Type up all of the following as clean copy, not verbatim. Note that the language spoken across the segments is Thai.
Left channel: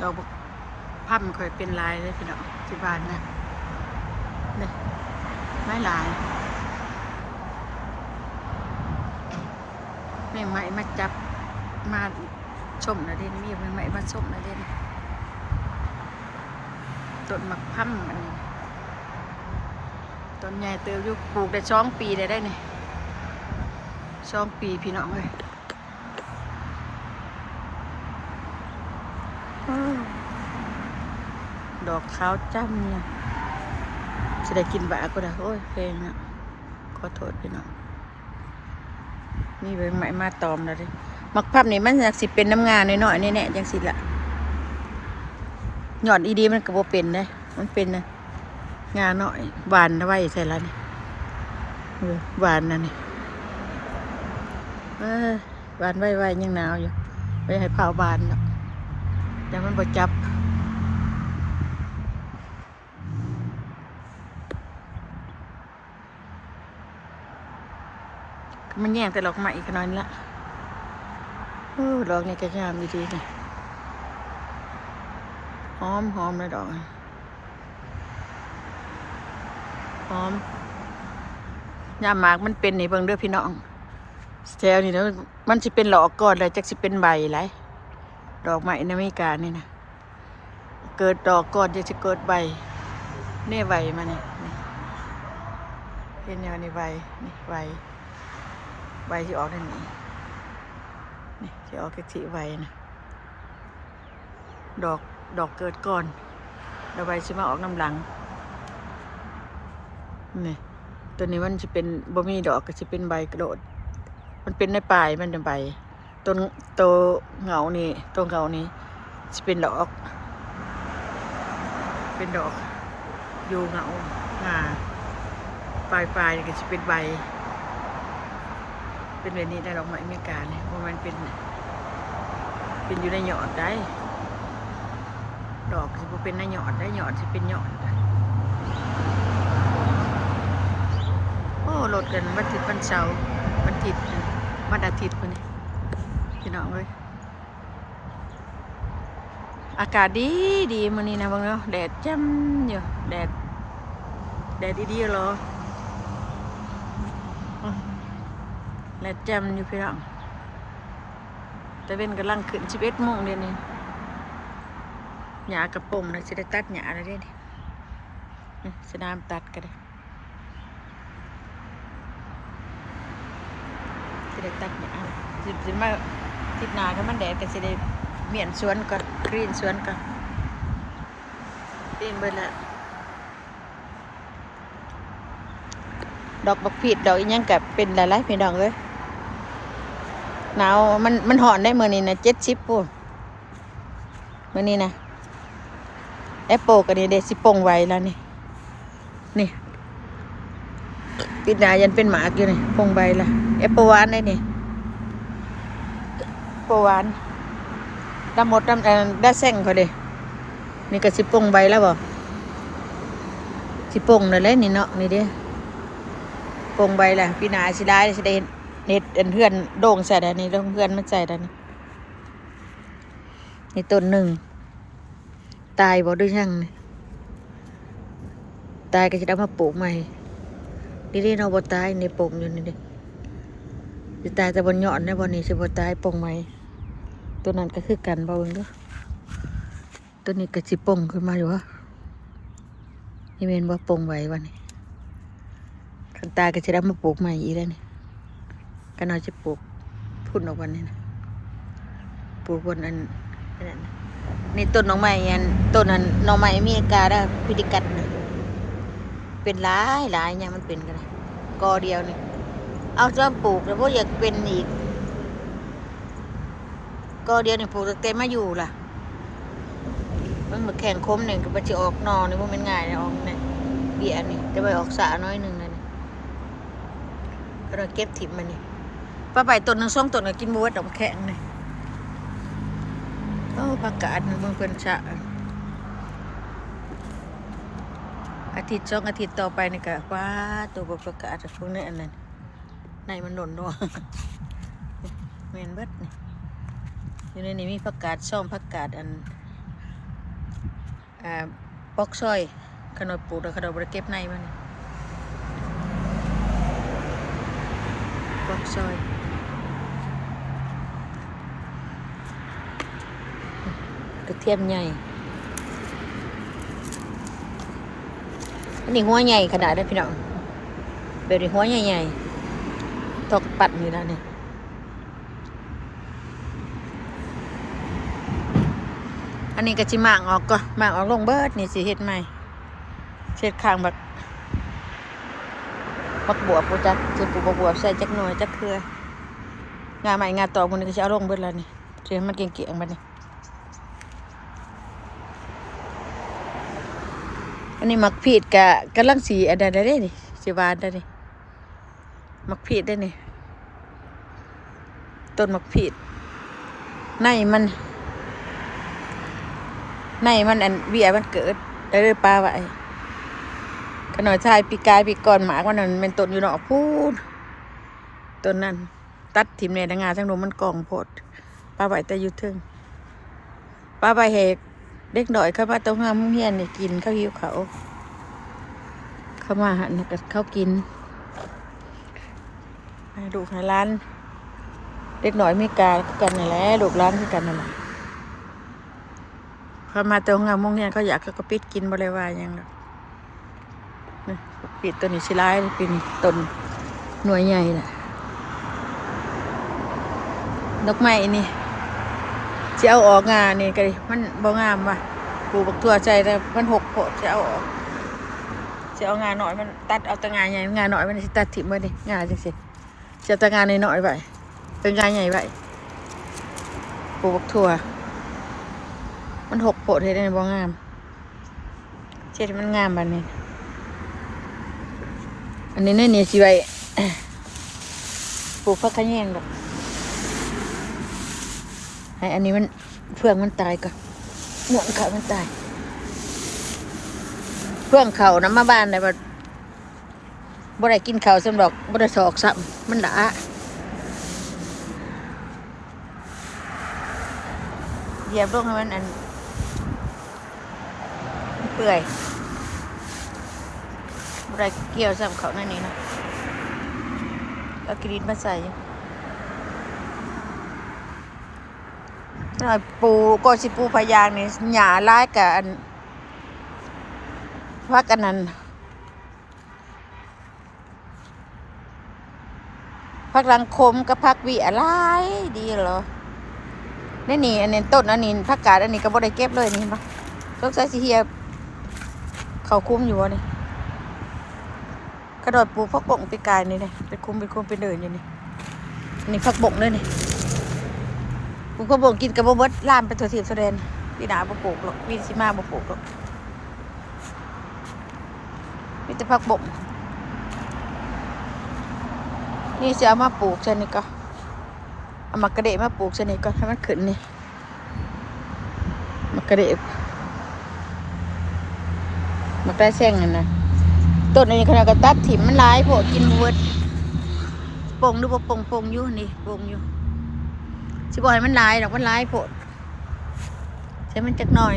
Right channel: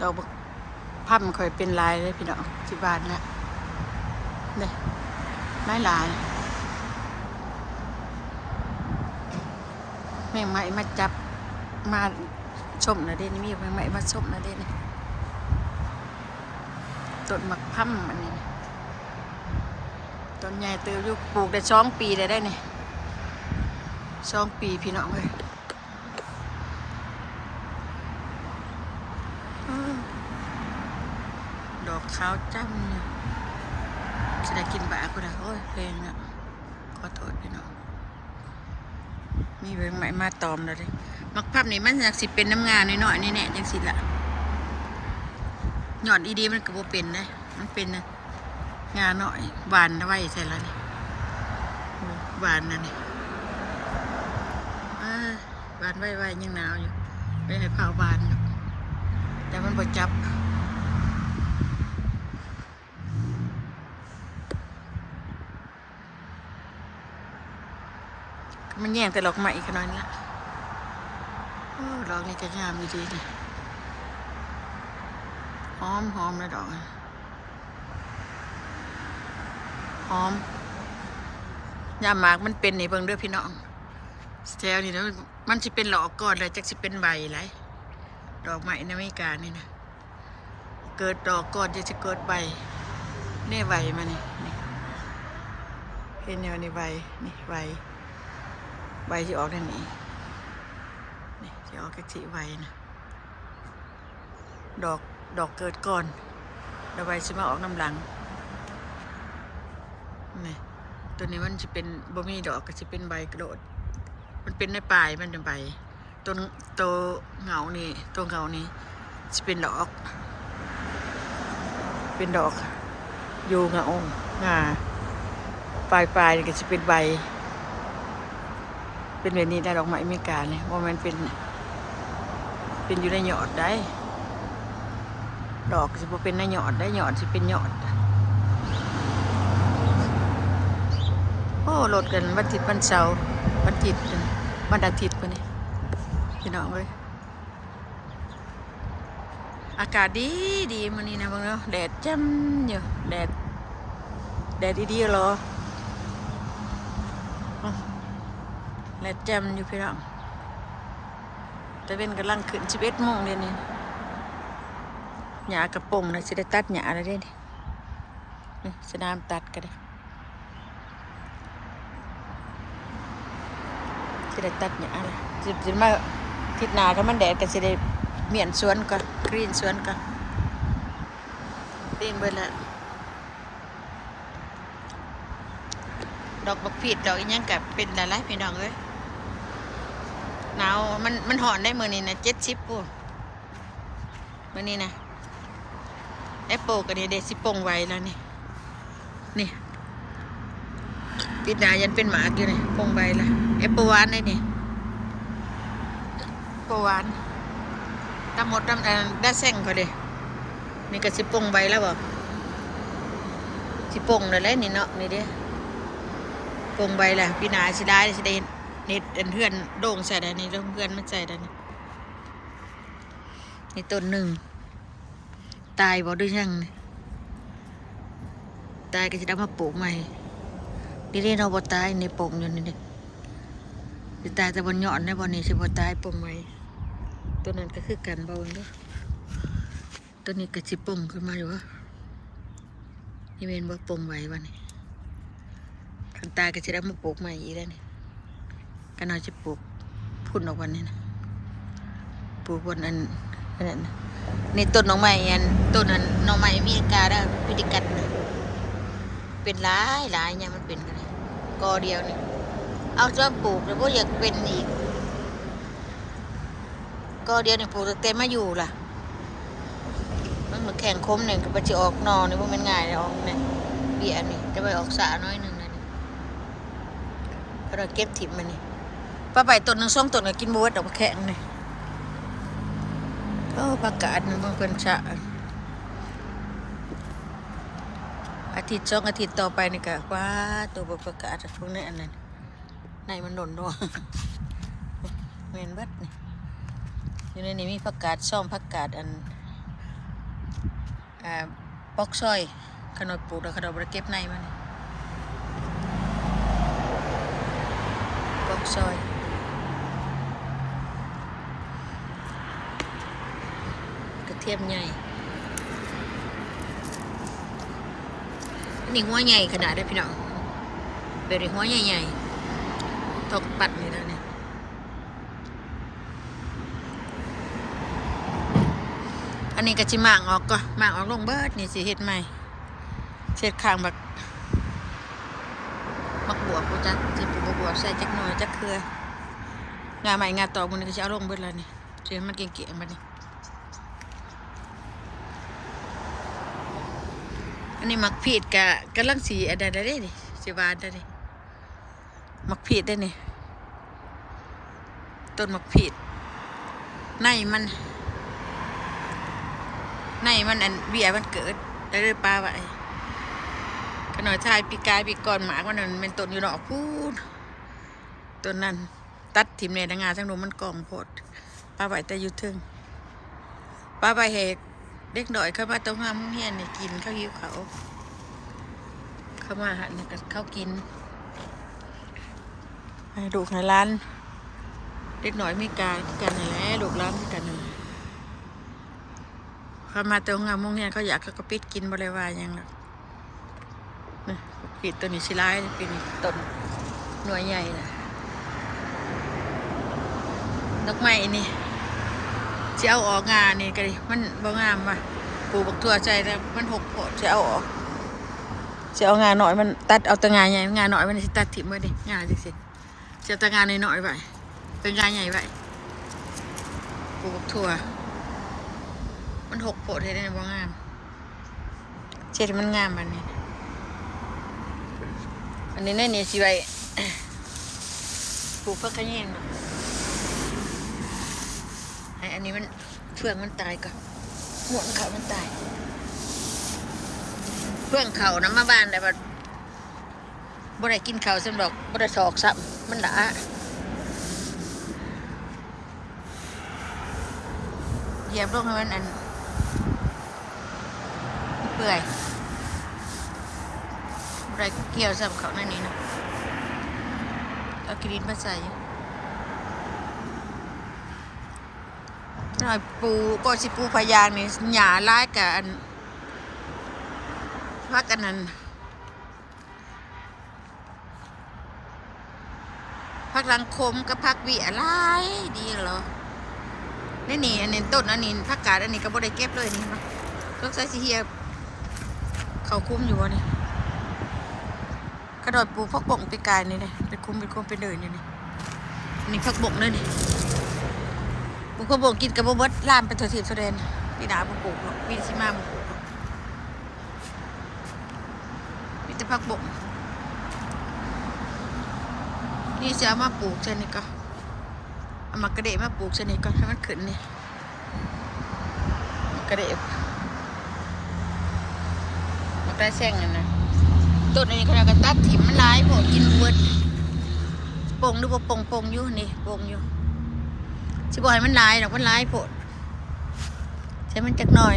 ดอกพับมันเคยเป็นลายเลยพี่น้องที่บ้านนะเนี่ยไม้ลายแมงไม้มาจับมาชมนะเด่นมีแมงไม้มาชมนะเด่นต้นมักพั่มอันนี้ต้นใหญ่เติบอยู่ปลูกได้2 ปีได้เนี่ย2 ปีพี่น้องเลยดอกขาวจ้ำเนี่ยจะได้กินบะก็ได้โอ้ยเพลงนะขอโทษพี่น้องมีแมงไม้มาตอมแล้วดิมักพับนี่มันอยากสิเป็นน้ำงานน้อยๆนี่แน่จังสิละหย่อนอีดีมันก็บ่เป็นเลยมันเป็นนะงานน้อยหวานไว้ใส่ละนี่หวานนั่นนี่หวานไว้ยังหนาวอยู่ไม่ให้เผาบานหรอกแต่มันบ่จับมันแย่งแต่ดอกไม้อีกน้อยนี่ละโอ้ดอกนี่ก็งามดีนี่หอมเลยดอกหอมยามหมากมันเป็นนี่เบิ่งเด้อพี่น้องแถวนี่นะมันสิเป็นหลอกก่อนเลยจักสิเป็นใบไรดอกไม้ในอเมริกานี่นะเกิดดอกก่อนจะเกิดใบเนี่ยใบมานี่เห็นแนวนี่ใบนี่ใบที่ออกนั่นนี่ที่ออกกระจิใบนะดอกเกิดก่อนดอกใบจะมาออกน้ำหลังนี่ตัวนี้มันจะเป็นบ่มีดอกก็จะเป็นใบกระโดดมันเป็นในปลายมันเป็นใบตัวเงานี่จะเป็นดอกอยู่เงางาปลายก็จะเป็นใบเป็นแบบนี้ได้ดอกไม้อเมริกาเนี่ยว่ามันเป็นอยู่ในหยอดได้ดอกจะเป็นในหยอดได้หยอดจะเป็นหยอดโอ้โหลดกันวันอาทิตย์วันเสาร์วันอาทิตย์วันอาทิตย์พอนี่พี่น้องเลยอากาศดีมื้อนี้นะบางเนาะแดดจ้ำอยู่แดดดีๆเหรอแดดจ้ำอยู่พี่น้องแต่เป็นกำลังขึ้น11 โมงเดี๋ยวนี้หญ้ากระป๋องนะสิได้ตัดหญ้าแล้วเด้นี่สนามตัดก็ได้จะได้ตัดหญ้าเลยจะมาทิศหน้าถ้ามันแดดก็จะได้เมียนสวนก็กรีนสวนก็กรีนเบิดละดอกบักผิดดอกอีหยังกับเป็นหลายๆพี่น้องเลยหนาวมันหอนได้มื้อนี้นะ70ปุ๊มื้อนี้นะแอปเปิลกันนี่เด็ดสิปงไว้แล้วนี่ปิดหน้ายันเป็นหมากอยู่นี่ปงใบละแอปเปิลหวานได้นี่แอปเปิลหวานตำหมดได้แซงเขาเลยนี่ก็สิปงใบแล้วบ่สิปงเลยนี่เนาะนี่ดิปงใบละปีหน้าสิได้สิได้เน็ดเพื่อนโด่งใส่ได้นี่เพื่อนมันใส่ได้นี่ต้นหนึ่งตายบ่ด้วยช่างตายก็จะได้มาปลูกใหม่ดีๆเราบ่ตายในปงอยู่นี่ดิสิตายแต่บนยอดในบนนี้สิบ่ตายปงใหม่ตัวนั้นก็คือกันบ่เบิ่งเด้อตัวนี้ก็สิปงขึ้นมาอยู่วะนี่แม่นบ่ปงไว้วันนี้คันตายก็จะได้มาปลูกใหม่อีกแล้วนี่กันเอาจะปลูกพุ่นออกวันนี้นะปลูกบนอันนั้นนี่ต้นหน่อไม้อันต้นนั้นหน่อไม้อเมริกาได้พิธีกัดนะเป็นหลายอย่างมันเป็นกันเลยกอเดียวนี่เอาจอมปลูกแล้วพวกอยากเป็นอีกกอเดียวนี่ปลูกตั้งแต่มาอยู่ล่ะมันเหมือนแข่งคมหนึ่งกับจะออกนอนี่มันง่ายเลยออกนี่เบี้ยนี่จะไปออกสาน้อยหนึ่งเลยนี่เราเก็บถิ่มมันนี่ปลาใบต้นหนึ่ง2 ต้นก็กินบัวดอกแข็งนี่โอ้ผักกาดมันเพิ่นชะอาทิตย์2 อาทิตย์ต่อไปนี่ก็ว้าตัวผักกาดพวกนี้อันนั้นในมันหล่นด้วยเมนเบิดนี่อยู่ในนี้มีผักกาดส้มผักกาดอัน อ่าปอกซอยขนมปลูกแล้วขนมบริเก็บในมันนี่ปอกซอยกระเทียมใหญ่อันนี้หัวใหญ่ขนาดได้พี่น้องเบลล์หัวใหญ่ๆตอกปัดนี่นะเนี่ยอันนี้ก็จิหมางออกก็หมางออกลงเบิดนี่สิเฮ็ดใหม่เช็ดข้างบักบวบกูจักสิปลูกบักบวบใส่จักหน่อยจักเครืองาใหม่งาตอกมันก็จะเอาลงเบิดแล้วนี่เดี๋ยวมันเกี่ยงๆบัดนี้อันนี้มักพีดกำลังสีอันใดได้นี่สิหวานได้นี่มักพีดได้นี่ต้นมักพีดในมันอันเบี้ยมันเกิดได้เลยปลาไว้ขนมชายปีกายปีก่อนหมากมันนั่นเป็นต้นอยู่นอกพูนต้นนั้นตัดถิ่มในดังงาทั้งนมมันกองโพดปลาไว้แต่อยู่ทึ่งปลาใบเหกเด็กหน่อยเข้ามาตรงห้ามเฮียนนี่กินข้าวหิวเขาเข้ามาแล้วก็เขากินให้ดูในร้านเด็กหน่อยมีกาวกันนี่แหละดูร้านที่กันนั่นแหละเขามาตรงห้ามเฮียนเขาอยากเขาก็ปิดกินบริวารยังหรอกนี่ปิดตัวนี้ชิลายเป็นต้นหน่วยใหญ่ดอกไม้นี่จะเอาออกงานี่ก็ดิมันบ่งามว่ะปลูกบักทั่วใจแต่มันหกโผดจะเอาออกจะเอางาหน่อยมันตัดเอาแต่งาใหญ่งาหน่อยมันจะตัดถิ่มไว้ดิงาจังสิจะเอาแต่งาหน่อยๆไว้เป็นงาใหญ่ไว้ปลูกบักทั่วมันหกโผดให้ได้บ่งามเช็ดมันงามแบบนี้อันนี้เนี่ยสิไว้ปลูกผักขะแยงดอกให้อันนี้มันเฟื่องมันตายก่อนหนวดเขามันตายเฟื่องเขาน้ำมาบ้านเลยบ่ได้กินเขาสำหรับบ่ได้สอกซ้ำมันด่าเหยียบลงให้มันอันเปื่อยบ่ได้เกี่ยวซ้ำเขานั่นนี่นะเอากรีนมาใส่หน่อยปูก็สิปูพยางนี่หญ้าร้ายกับอันพักอันนั้นพักรังคมกับพักวีอะไรดีเหรอนี่อันนี้ต้นอันนี้พักกาดอันนี้ก็บ่ได้เก็บเลยนี่มั้งต้องใส่สิเฮียเขาคุ้มอยู่วะนี่กระโดดปูพักบงปีกายนี่เลยเป็นคุ้มเป็นเดินอยู่นี่อันนี้พักบงเลยนี่ปลูกกระบอกกินกระบอกเบิดลามเป็นตัวทีบแสดงปีหนาบ่ปลูกหรอกปีสิมาบ่ปลูกหรอกมีแต่ผักบกนี่จะเอามาปลูกเช่นนี้ก็เอามากระเดะมาปลูกเช่นนี้ก็ให้มันขึ้นนี่มากระเดะมาใกล้แซงกันนะต้นนี้ขนาดกระตัดถิ่มมันร้ายโผล่กินเบิดปงดูบ่ปงอยู่นี่ปงอยู่สิบ่ให้มันลายดอกมันลายโพดใช้มันจักหน่อย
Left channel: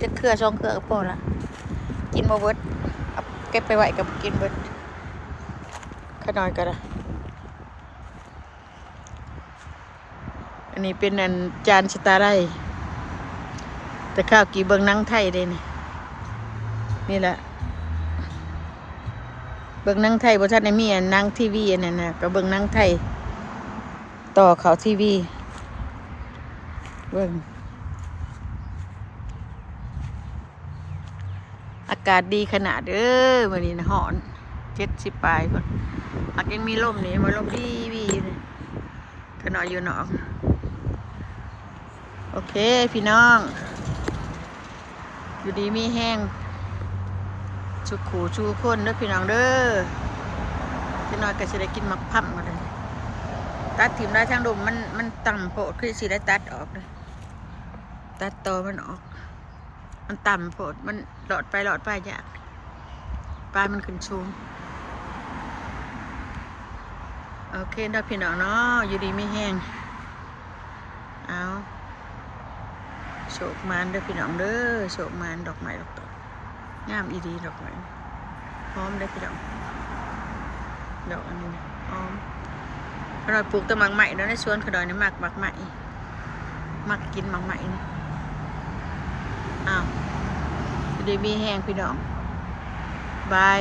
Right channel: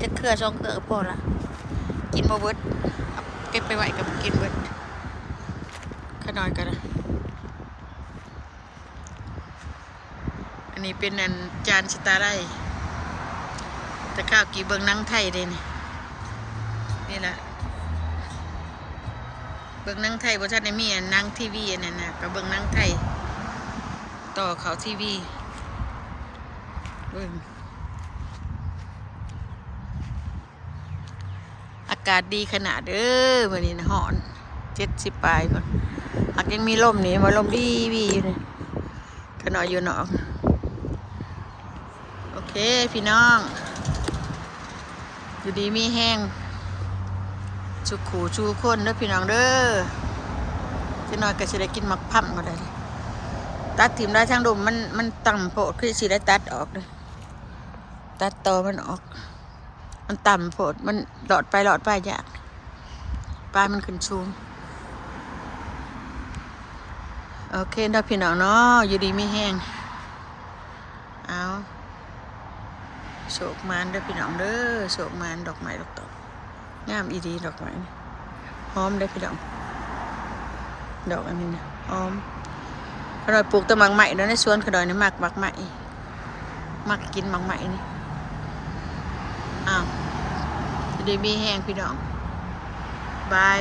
จักเครือ2 เครือก็พอละกินบ่เบิดเอาเก็บไปไว้กับกินเบิดขน้อยก็ได้อันนี้เป็นอันจานสตาร์ไลจะข้าวกี่เบิ่งหนังไทยเด้นี่แหละเบิ่งหนังไทยบ่ทันได้มีอันหนังทีวีอันนั้นน่ะก็เบิ่งหนังไทยต่อเขาทีวีเบิ่งอากาศดีขนาดวันนี้นะหอน70 ปลายก่อนหากยังมีลมนี่มาลมดีอยู่นี่ก็นอนอยู่นอกโอเคพี่น้องอยู่ดีมีแห้งชุกขู่ชูคนเด้อพี่น้องเด้อจะนอนก็จะได้กินมักพั่มก็ได้ตัดถิ่มได้ช่างดุมมันต่ำโผล่คือสิได้ตัดออกเลยตัดตอมันออกมันต่ำโผล่มันหลอดไปยากปลายมันขึ้นสูงโอเคเด้อพี่น้องเนาะอยู่ดีมีแห้งเอาโช กมานเด้อพี่น้องเด้อโศกมานดอกไม้ดอกตอกงามอีดีดอกไม้หอมเด้อพี่น้องดอกอันนี้เนี่ยหอมขนอยปลูกแต่หมากใหม่แล้วในสวนขนอยนี่หมากใหม่มักกินหมากใหม่นี่อ้าวจะได้มีแห้งพี่น้องบาย